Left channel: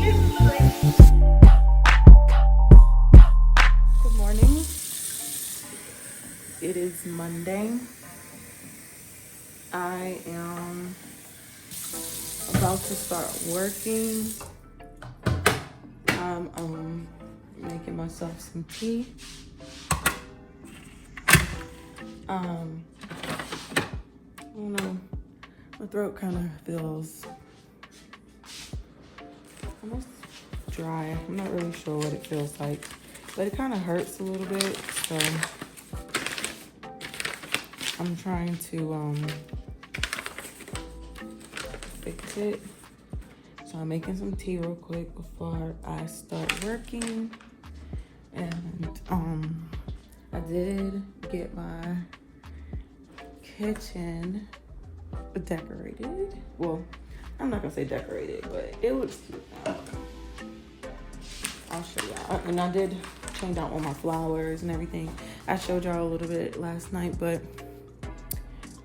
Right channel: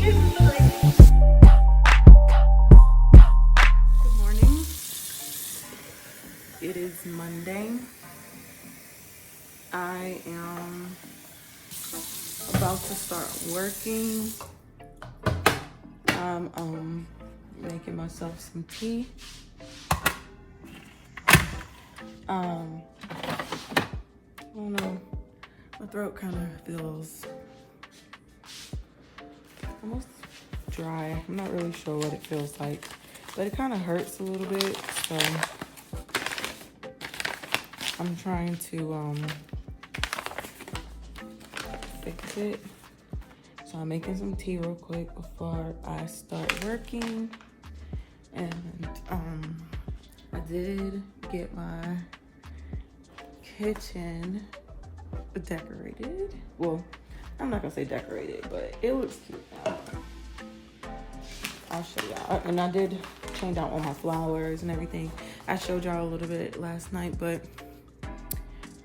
Good morning. It is Monday. I am about to start working. I'm making myself some tea. I don't know, my throat kind of feels almost dry. I'm not really sure what it feels like, but it kind of hurts a little bit, so I'm trying to fix it. So I'm making some tea real quick before I start working. And I did get my kitchen decorated. Well, I'm not gonna say decorated, but it looks cute now. I'll show y'all. And I did change out all my flowers and everything. I showed y'all a little bit last night, but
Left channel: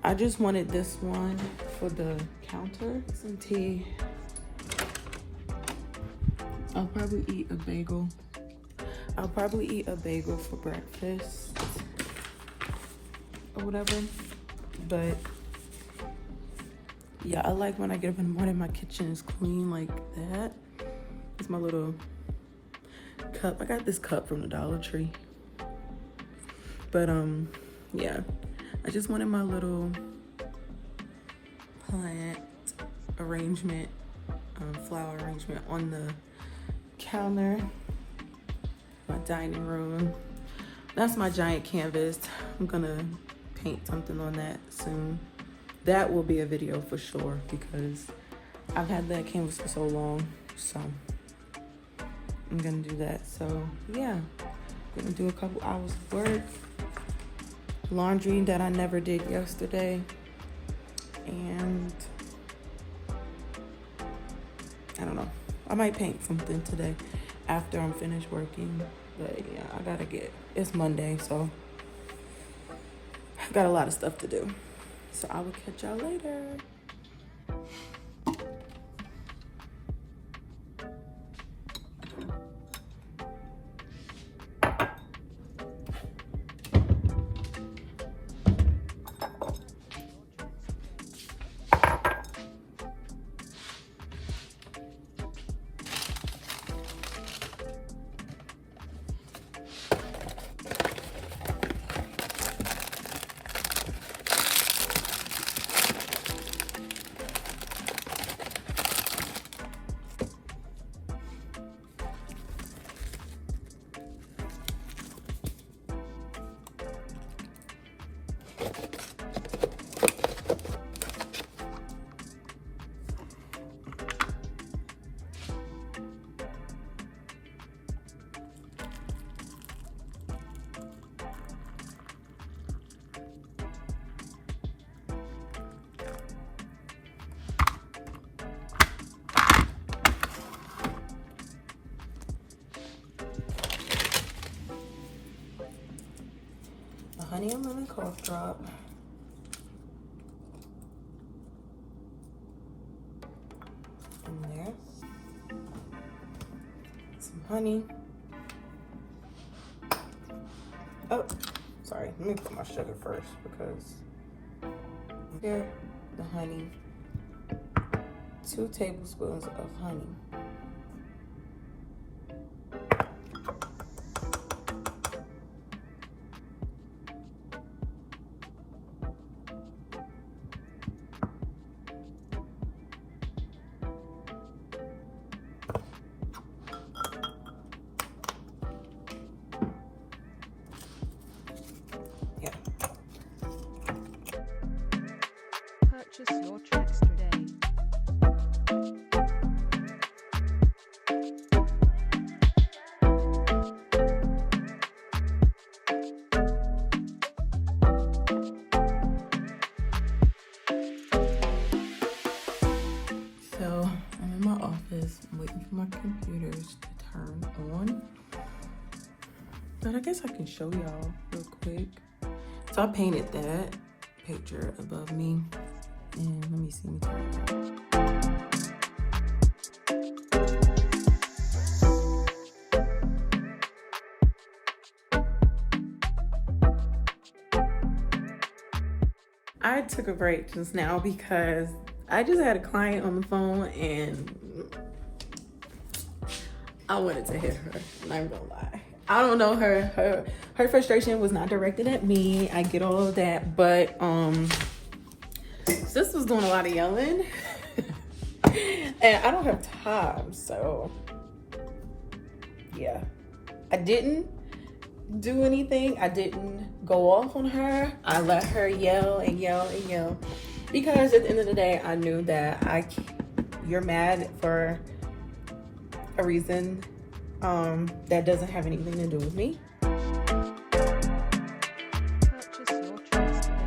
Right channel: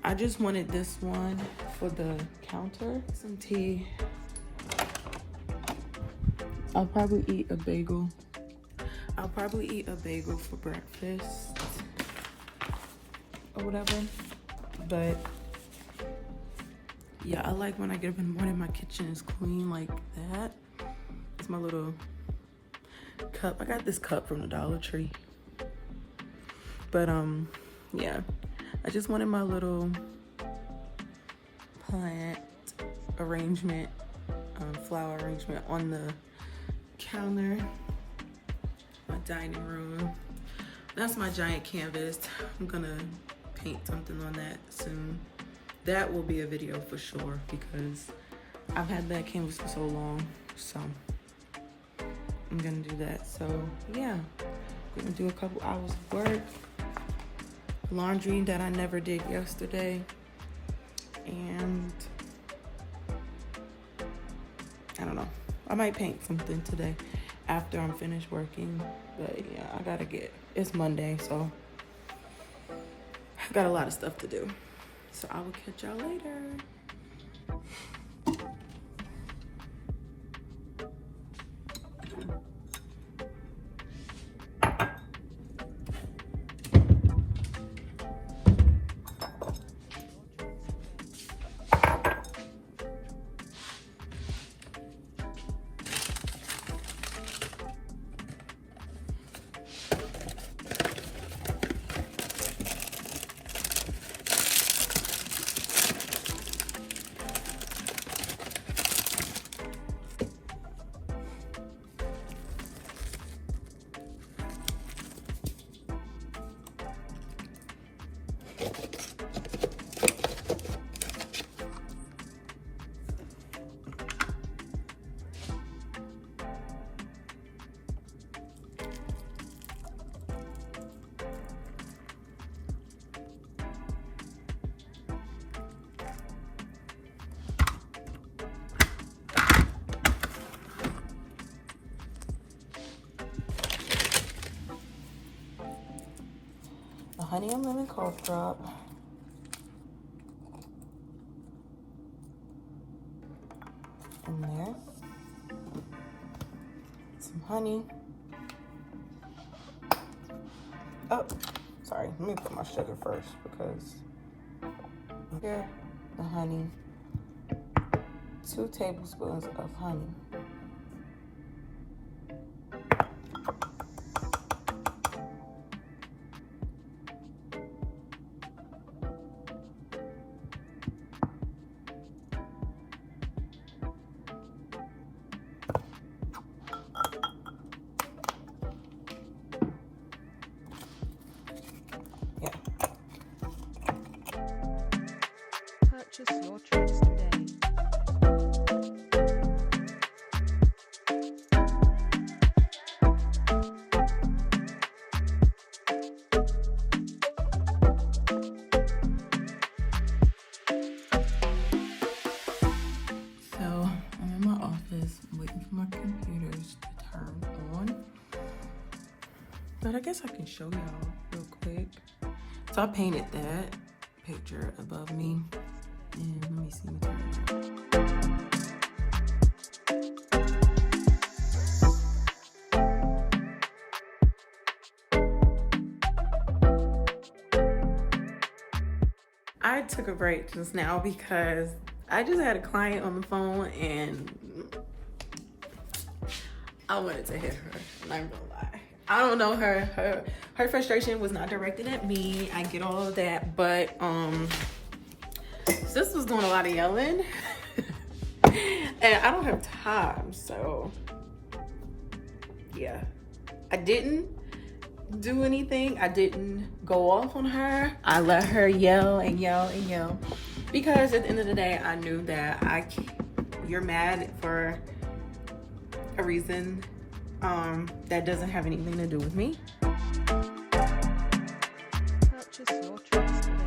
I just wanted this one for the counter. Some tea. I'll probably eat a bagel. I'll probably eat a bagel for breakfast or whatever. But yeah, I like when I get up in the morning, my kitchen is clean like that. It's my little cup. I got this cup from the Dollar Tree. But yeah, I just wanted my little plant arrangement, flower arrangement on the counter, my dining room. That's my giant canvas. I'm gonna paint something on that soon. That will be a video for sure because I've had that canvas for so long, so I'm gonna do that. So yeah, I'm gonna do a couple hours of work, laundry that I never did yesterday, and I don't know, I might paint something today after I'm finished working. But yeah, I gotta it's Monday, so I've got a lot of stuff to do. So I will catch y'all later. A honey and lemon cough drop. In there. Some honey. Oh, sorry. Let me put my sugar first because here, the honey. 2 tablespoons of honey. Purchase your tracks today. So I'm in my office. I'm waiting for my computers to turn on. But I guess I can show y'all real quick. So I painted that picture above me. And let me see me turn it around. I took a break just now because I just had a client on the phone and I wanted to hit her. I'm not gonna lie. I don't know, her frustration was not directed at me. I get all of that, but sis was doing a lot of yelling and I don't have time, so yeah. I didn't do anything. I didn't go off on her. I let her yell and yell and yell because at the end of the day, I knew that you're mad for a reason that doesn't have anything to do with me. Purchase your tracks today.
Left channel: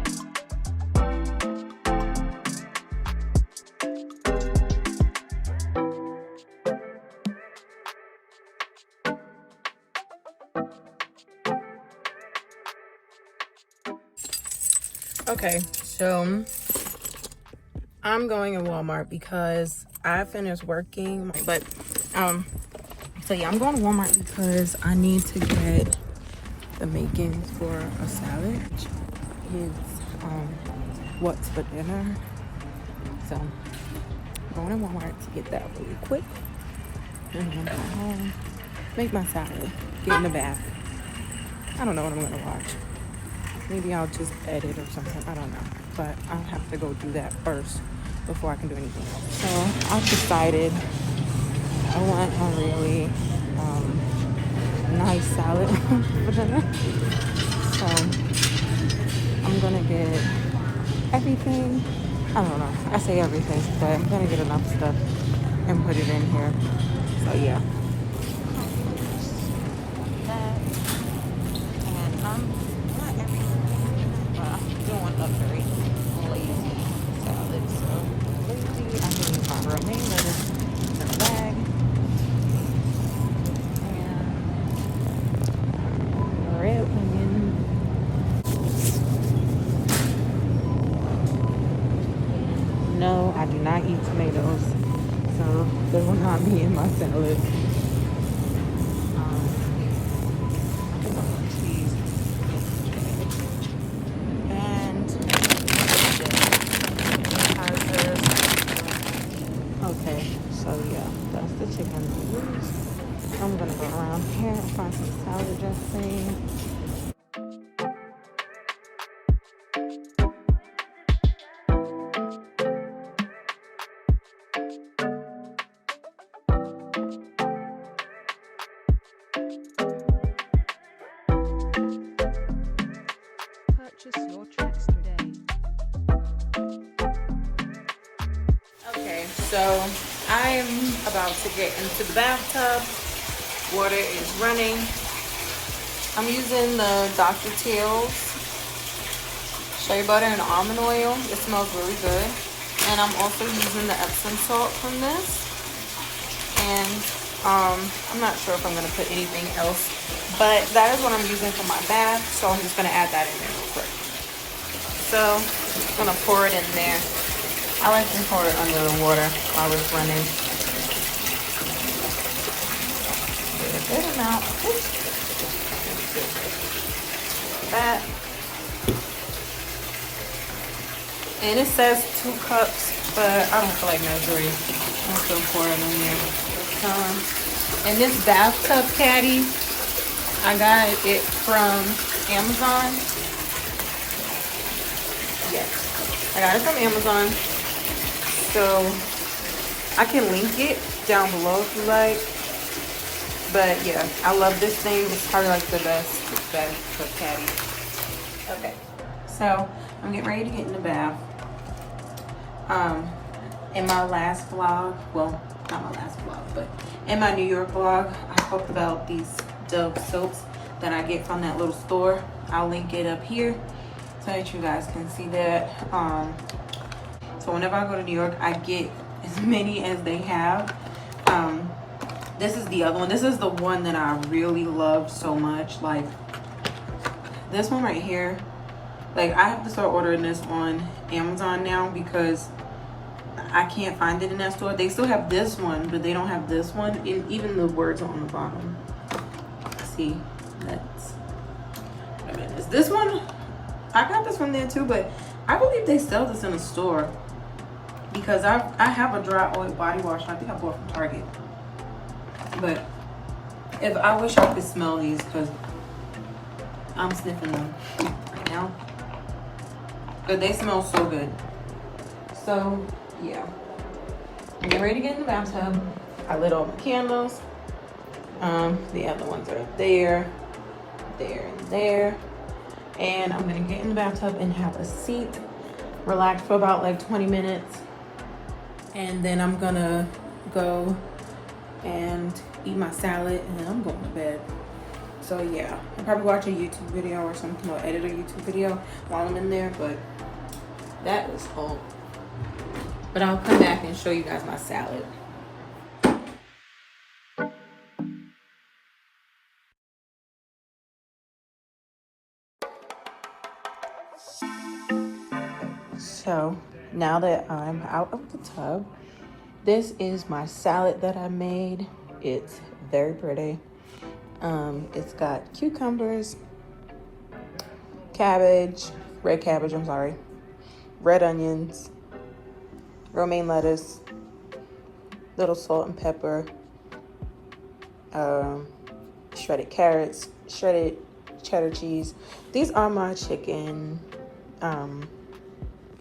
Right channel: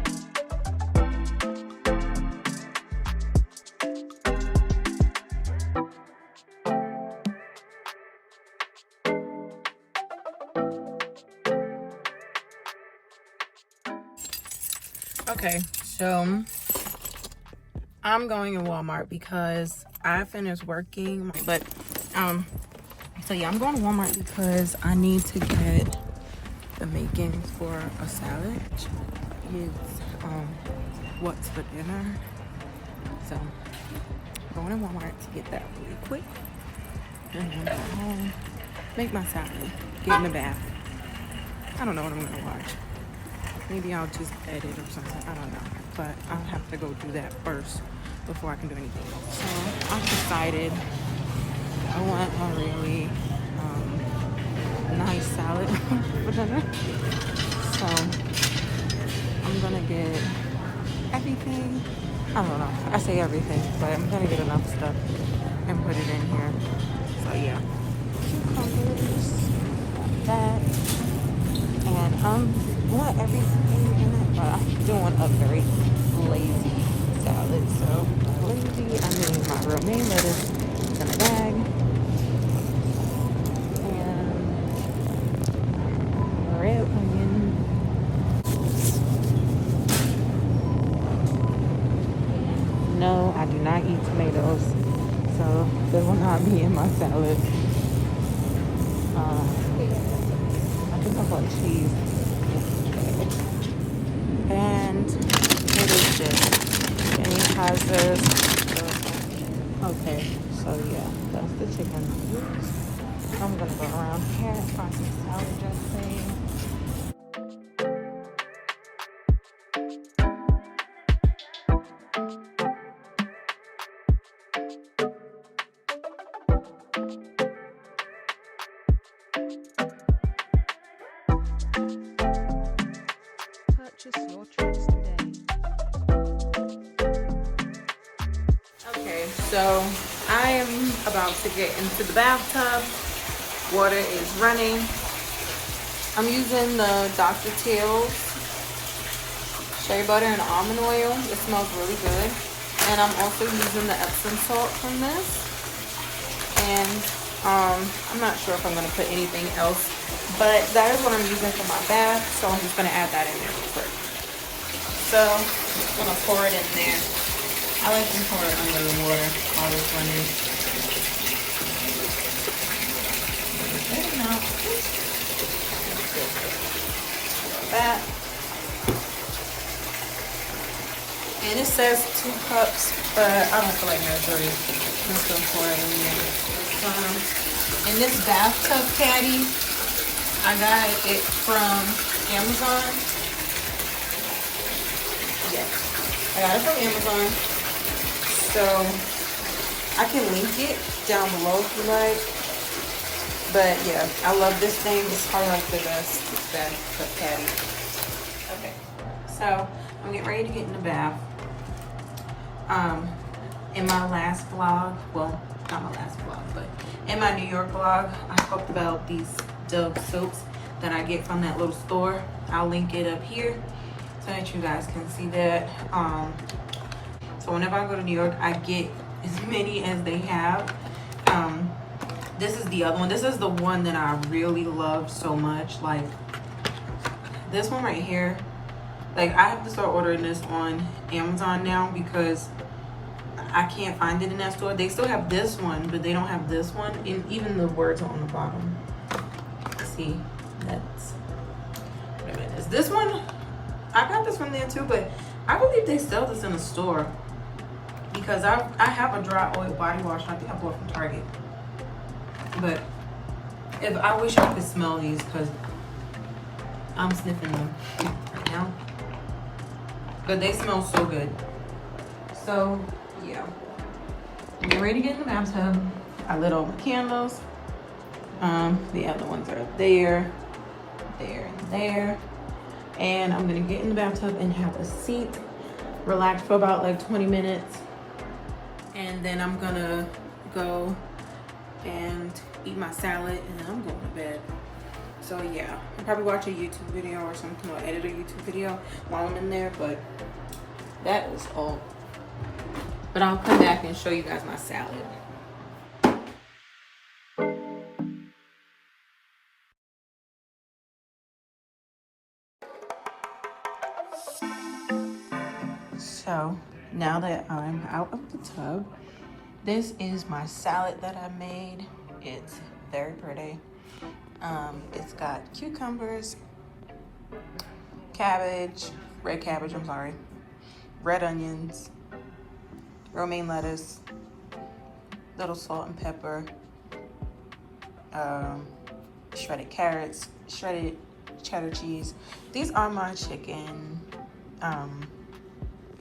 Okay, so I'm going in Walmart because I finished working, but so yeah, I'm going to Walmart because I need to get the makings for a salad. It's what's for dinner. So I'm going to Walmart to get that really quick. And I'm going home, make my salad, get in the bath. I don't know what I'm gonna watch. Maybe I'll just edit or something, I don't know. But I'll have to go do that first before I can do anything else. So I've decided I want a really nice salad for dinner. So I'm gonna get everything. I don't know, I say everything, but I'm gonna get enough stuff and put it in here. So yeah. That. And I want everything in it, but I'm doing a very lazy salad. So we'll see. I'm gonna put romaine lettuce in a bag. Red onion. No, I do not eat tomatoes, so they will not be in my salad. And what is this? And it has this. Okay, so yeah, that's the chicken noodles. I'm gonna put mine here, find some salad dressing. Purchase your tracks today. Okay, so I'm about to get into the bathtub. Water is running. I'm using the Dr. Teal's shea butter and almond oil. It smells really good. And I'm also using the Epsom salt from this. And I'm not sure if I'm gonna put anything else, but that is what I'm using for my bath. So I'm just gonna add that in there real quick. So I'm gonna pour it in there. I like to pour it under the water while it's running. A good amount. That. And it says 2 cups, but I don't feel like measuring. I'm just gonna pour it in there. And this bathtub caddy, I got it from Amazon. Yes, I got it from Amazon. So I can link it down below if you like. But yeah, I love this thing. It's probably like the best bathtub caddy. Okay, so I'm getting ready to get in the bath. In my last vlog, well, not my last vlog, but in my New York vlog, I talked about these Dove soaps that I get from that little store. I'll link it up here so that you guys can see that. So whenever I go to New York, I get as many as they have. This is the other one. This is the one that I really loved so much. Like this one right here. Like I have to start ordering this on Amazon now because I can't find it in that store. They still have this one, but they don't have this one. And even the words are on the bottom. See, that's, wait a minute, is this one? I got this from there too, but I believe they sell this in a store because I have a dry oil body wash. I think I bought from Target. But if I wish I could smell these because I'm sniffing them right now. But they smell so good. So yeah, I'm ready to get in the bathtub. I lit all the candles. The other ones are there, there. And I'm gonna get in the bathtub and have a seat, relax for about like 20 minutes. And then I'm gonna go and eat my salad and then I'm going to bed. So yeah, I'll probably watch a YouTube video or something, or edit a YouTube video while I'm in there, but that is all. But I'll come back and show you guys my salad. So now that I'm out of the tub, this is my salad that I made. It's very pretty. It's got cucumbers, cabbage, red cabbage, I'm sorry, red onions, romaine lettuce, little salt and pepper, shredded carrots, shredded cheddar cheese. These are my chicken,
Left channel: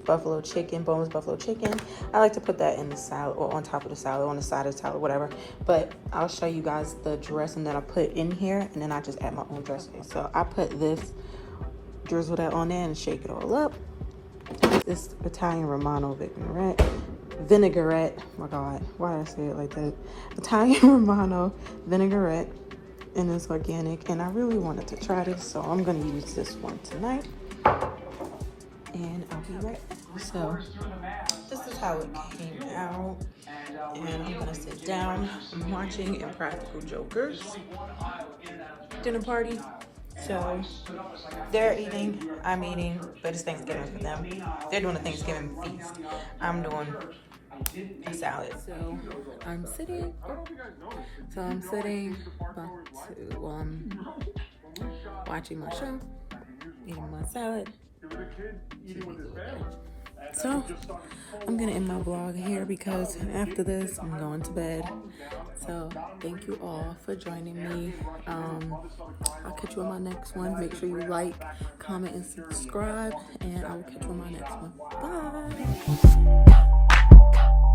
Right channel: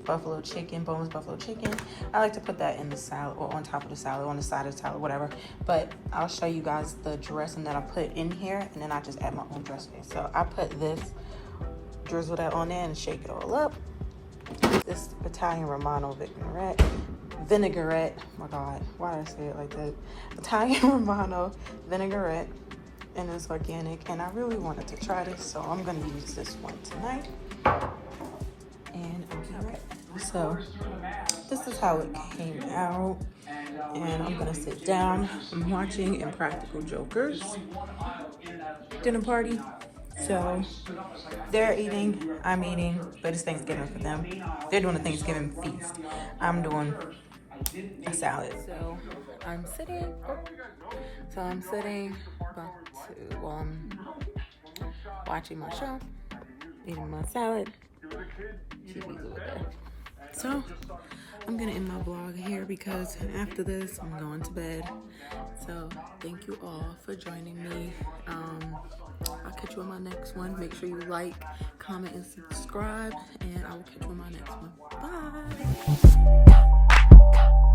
buffalo chicken, boneless buffalo chicken. I like to put that in the salad or on top of the salad, on the side of the salad, whatever. But I'll show you guys the dressing that I put in here, and then I just add my own dressing. So I put this, drizzle that on there and shake it all up. This Italian Romano vinaigrette. Oh my God, why did I say it like that? Italian Romano vinaigrette, and it's organic. And I really wanted to try this, so I'm gonna use this one tonight. And okay, so this is how it came out, and I'm gonna sit down. I'm watching Impractical Jokers dinner party. So they're eating, I'm eating, but it's Thanksgiving for them. They're doing a Thanksgiving feast. I'm doing a salad. So I'm sitting. About to, I'm watching my show, eating my salad. So I'm gonna end my vlog here because after this I'm going to bed. So thank you all for joining me. I'll catch you on my next one. Make sure you like, comment, and subscribe, and I will catch you on my next one. Bye.